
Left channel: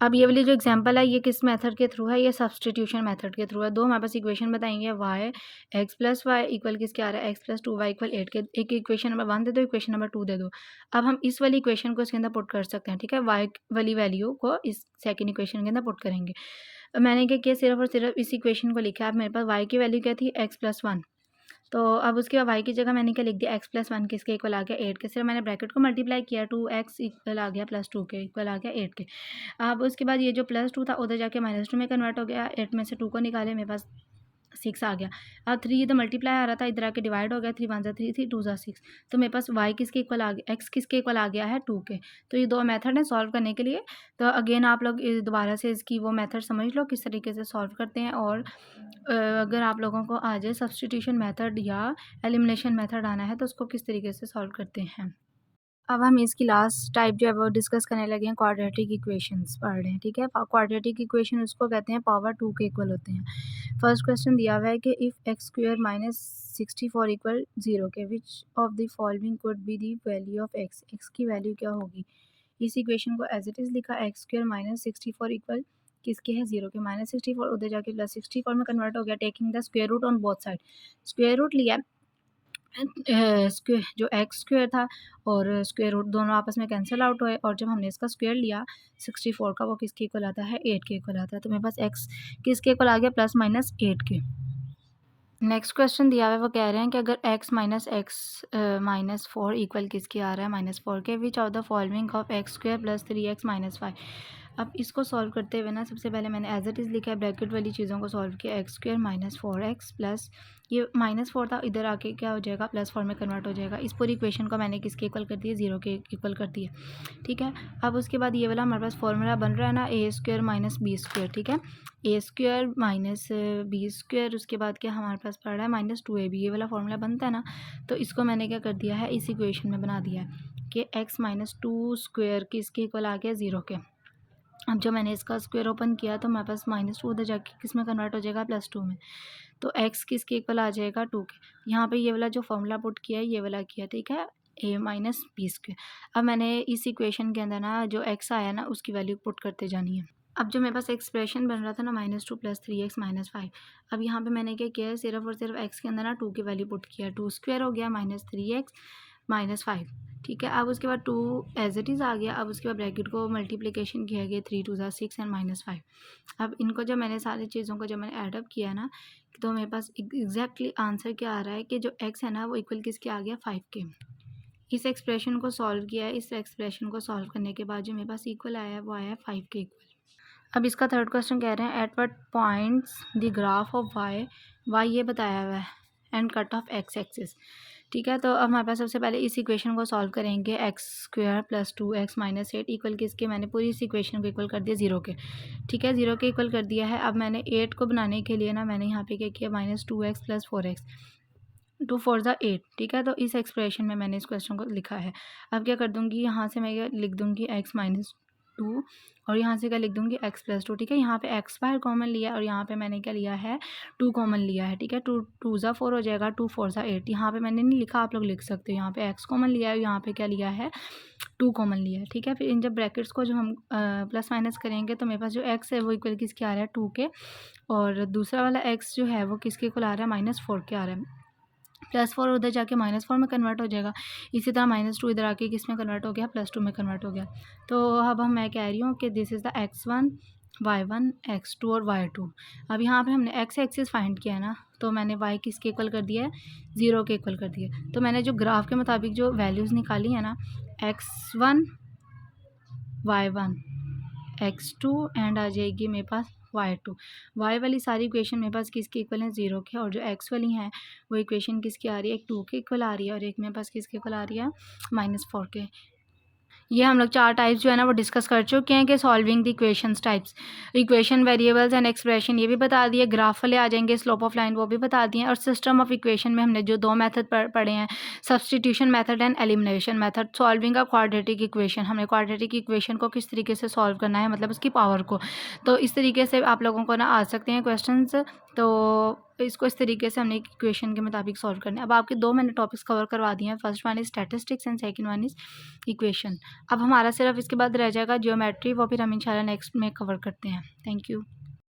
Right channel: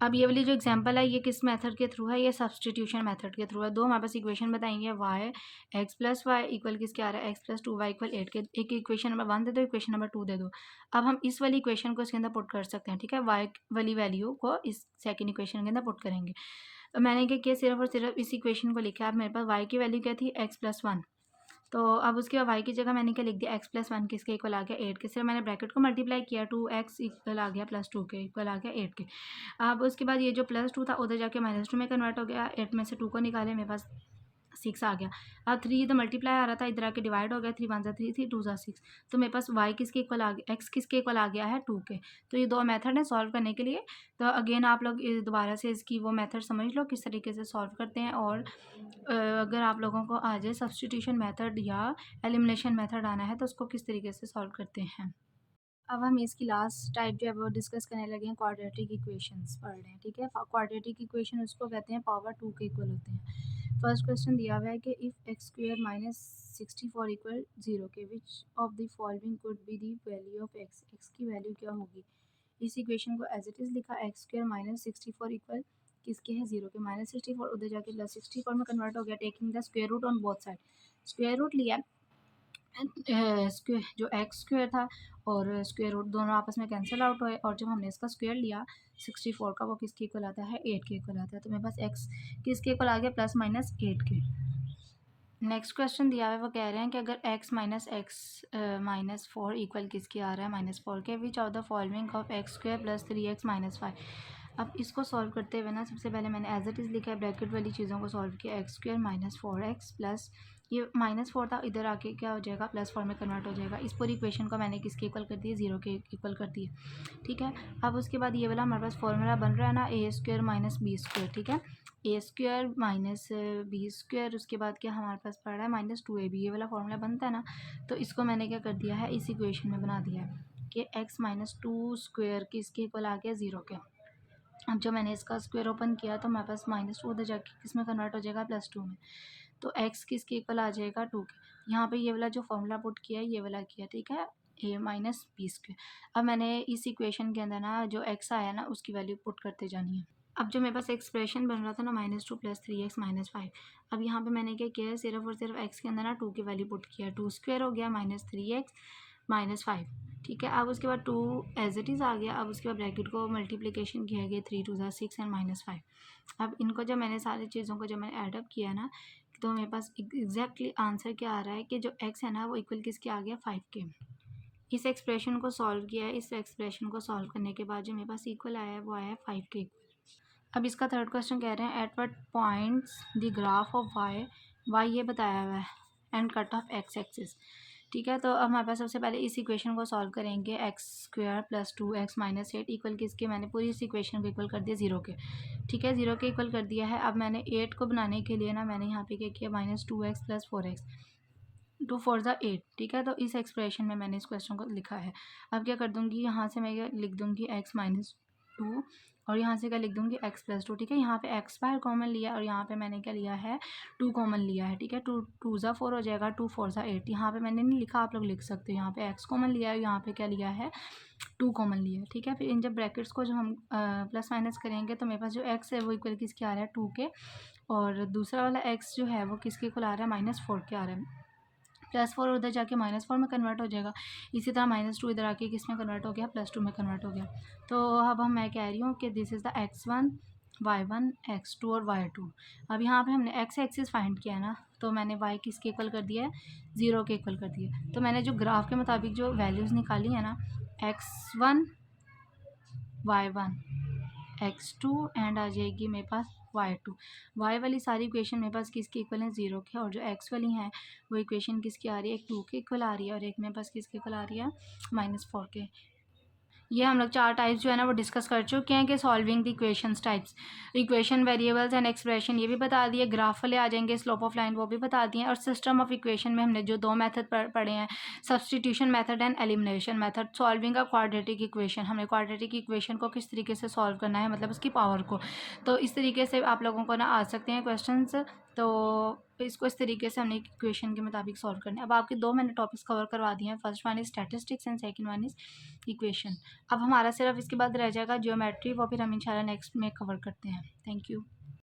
अब ये वाली जो एग्जांपल है ये किस मेथड के थ्रू है, ये सब्सटीट्यूशन मेथड के थ्रू है। दो हमारे पास इक्वेशन बताएंगे, y x plus Y equal किसके आ रहा है, x प्लस 2y इक्वल 8 के। एक इक्वेशन नंबर 1 दे दो, इक्वेशन नंबर 2 दे दो। अब हम इस वाली इक्वेशन को इसके अंदर पुट कर सकते हैं, ठीक है। y वाली वैल्यू को इस सेकेंड इक्वेशन के अंदर पुट करेंगे। मैंने क्या किया, सिर्फ और सिर्फ इस इक्वेशन को लिखा है। अब मेरे पास y की वैल्यू क्या थी, x प्लस 1। तो अब उसके बाद y की जगह मैंने क्या लिख दिया, x प्लस 1 किसके इक्वल आ गया, 8 के। सिर्फ मैंने ब्रैकेट को मल्टीप्लाई किया, 2x इक्वल आ गया प्लस 2 के इक्वल आ गया 8 के। अब उसके बाद ये जो +2 था उधर जाके -2 में कन्वर्ट हो गया। 8 में से 2 को निकाले, मेरे पास 6 आ गया। अब 3 इधर मल्टीप्लाई आ रहा था, इधर आके डिवाइड हो गया। 3 वन ज़ा 3 थी, 2 ज़ा 6। तो मेरे पास y किसके इक्वल आ गया, x किसके इक्वल आ गया है, 2 के। तो ये दो मेथड है सॉल्व करने के लिए। तो अगेन आप लोग दोबारा से इसकी वो मेथड समझ लो किस तरीके से सॉल्व करते हैं। और अगर आप लोगों को आ जाए सब्स्टिट्यूशन मेथड या एलिमिनेशन मेथड आना है तो उसको किस तरीके से सॉल्व करते हैं। अब हम इसकी लास्ट टाइप जो है वो डिस्कस करने लगे हैं, क्वाड्रेटिक इक्वेशंस पढ़ रहे हैं, ठीक है। क्वाड्रेटिक इक्वेशन उसको कहते हैं पावर 2 के इक्वल होते हैं। फर्स्ट क्वेश्चन दिया हुआ है कि if x square minus 64 equal 0 के, विच of the following could be the value of x. X की वैल्यू क्या होगी। इस इक्वेशन को एज इट इज़ लिखा, एक्स स्क्वायर माइनस 64 इक्वल किसके है, 0 के। -64 उधर जाके +64 में कन्वर्ट हो गया, taking the square root on both side. Square root लिया, स्क्वेयर जो एक्स स्क्वायर था और स्क्वायर रूट दोनों आपस में कैंसिल आउट हुए। और जब हमने इसका स्क्वायर लिया 64 का, वो किसके इक्वल आता है, 8 के इक्वल आता है। तो मेरे पास एक्स किसके इक्वल आ गया, +-8 के। नेक्स्ट क्वेश्चन दिया हुआ है, वो कह रहे हैं कि अगर x minus x minus 4 equal किसके आ रहा है, -4 के। विच of the following of x square plus 3x minus 5। अब इसको सॉल्व करते हुए ना, सबसे पहले मैंने एज इट इज़ लिखा है, ब्रैकेट वाली चीज़ों को सॉल्व किया। X square minus 4x plus ये -4 था, इधर आके क्या हो जाएगा, +4 में कन्वर्ट हो जाएगा। इस पूरी इक्वेशन को मैंने किसके इक्वल कर दिया, 0 के इक्वल कर दिया, ठीक है। अब उसके बाद ये वाला हमारे पास फॉर्मूला बन रहा है ना, ए स्क्वायर माइनस बी स्क्वायर, ठीक है। ए स्क्वायर माइनस बी स्क्वायर, उसके बाद क्या हमारे पास पड़ रहा है, -2ab। ये वाला फॉर्मूला बनता है ना, तो इसको मैंने क्या कर दिया है, इस इक्वेशन में बना दिया है कि x माइनस 2 स्क्वायर किसके इक्वल आ गया, 0 के। अब जब मैंने इसका स्क्वायर ओपन किया तो हमारे पास -2 उधर जाके किस में कन्वर्ट हो जाएगा, +2 में। तो x किसके इक्वल आ जाएगा, 2 के। यहाँ पे ये वाला जो फॉर्मूला पुट किया है, ये वाला किया, ठीक है, a माइनस बी स्क्वायर। अब मैंने इस इक्वेशन के अंदर ना जो x आया ना, उसकी वैल्यू पुट करते जानी है। अब जो मेरे पास एक्सप्रेशन बन रहा था ना, -2 + 3x माइनस 5। अब यहाँ पे मैंने क्या किया है, सिर्फ और सिर्फ x के अंदर ना 2 की वैल्यू पुट किया। 2 स्क्वायर हो गया -3x माइनस 5, ठीक है। अब उसके बाद 2 एज इट इज़ आ गया। अब उसके बाद ब्रैकेट को मल्टीप्लिकेशन किया गया, 3 2 ज़ा 6 एंड -5। अब इनको जब मैंने सारी चीज़ों को जब मैंने एडअप किया ना, तो मेरे पास एग्जैक्टली आंसर क्या आ रहा है कि जो x है ना, वो इक्वल किसके आ गया, 5 के। इस एक्सप्रेशन को सॉल्व किया है। इस एक्सप्रेशन को सॉल्व करने के बाद जो मेरे पास इक्वल आया है, वो आया है 5 के इक्वल। अब इसका थर्ड क्वेश्चन कह रहे हैं, at what points the graph of Y ये बताया हुआ है, and cut of X axis, ठीक है। तो अब हमारे पास सबसे पहले इस इक्वेशन को सॉल्व करेंगे। X square plus 2x minus 8 equal किसके, मैंने पूरी इस इक्वेशन को इक्वल कर दिया 0 के, ठीक है, 0 के इक्वल कर दिया है। अब मैंने 8 को बनाने के लिए ना, मैंने यहाँ पे क्या किया, -2x प्लस 4x, 2 4 ज़ा 8, ठीक है। तो इस एक्सप्रेशन में मैंने इस क्वेश्चन को लिखा है। अब क्या कर दूँगी, यहाँ से मैं क्या लिख दूँगी, x माइनस 2, और यहाँ से क्या लिख दूँगी, x प्लस 2, ठीक है। यहाँ पे x बाहर कॉमन लिया और यहाँ पे मैंने क्या लिया है, 2 कॉमन लिया है, ठीक है। 2 2 ज़ा 4 हो जाएगा, 2 4 ज़ा 8। यहाँ पे मैंने नहीं लिखा, आप लोग लिख सकते हो। यहाँ पे x कॉमन लिया है, यहाँ पे क्या लिया है, 2 कॉमन लिया है, ठीक है। फिर इन जब ब्रैकेट्स को जो हम प्लस माइनस करेंगे, तो मेरे पास जो x है वो इक्वल किसके आ रहा है, 2 के। और दूसरा वाला x जो है वो किसके इक्वल आ रहा है, -4 के आ रहा है। +4 उधर जाके -4 में कन्वर्ट हो जाएगा। इसी तरह -2 इधर आके किस में कन्वर्ट हो गया, +2 में कन्वर्ट हो गया। तो अब मैं कह रही हूँ कि this is the x1 y1 x2 और y2। अब यहाँ पे हमने x एक्सिस फाइंड किया है ना, तो मैंने y किसके इक्वल कर दिया है, 0 के इक्वल कर दिया। तो मैंने जो ग्राफ के मुताबिक जो वैल्यूज़ निकाली है ना, x1 y1 x2 एंड आ जाएगी मेरे पास y2। y वाली सारी इक्वेशन मेरे पास किसके इक्वल है, 0 के, और जो x वाली हैं वो इक्वेशन किसकी आ रही है, एक 2 के इक्वल आ रही है और एक मेरे पास किसके इक्वल आ रही है, -4 के। ये हम लोग 4 टाइप्स जो है ना वो डिस्कस कर चुके हैं कि solving the equations types, equation, variables and expression ये भी बता दिए, ग्राफ वाले आ जाएंगे, स्लोप ऑफ लाइन वो भी बता दिए, और सिस्टम ऑफ इक्वेशन में हमने जो 2 मेथड पढ़े हैं, substitution method and elimination method. Solving a quadratic equation, हमें क्वाड्रेटिक इक्वेशन को किस तरीके से सॉल्व करना है, मतलब उसकी पावर को। तो इस तरीके से आप लोगों को ना आ सकते हैं क्वेश्चंस, तो इसको इस तरीके से हमने इक्वेशन के मुताबिक सॉल्व करना है। अब आपके 2 मैंने टॉपिक्स कवर करवा दिए हैं, first one is statistics and second one is equation. अब हमारा सिर्फ इसके बाद रह जाएगा ज्योमेट्री, वो फिर हम इंशाल्लाह नेक्स्ट में कवर करते हैं। Thank you.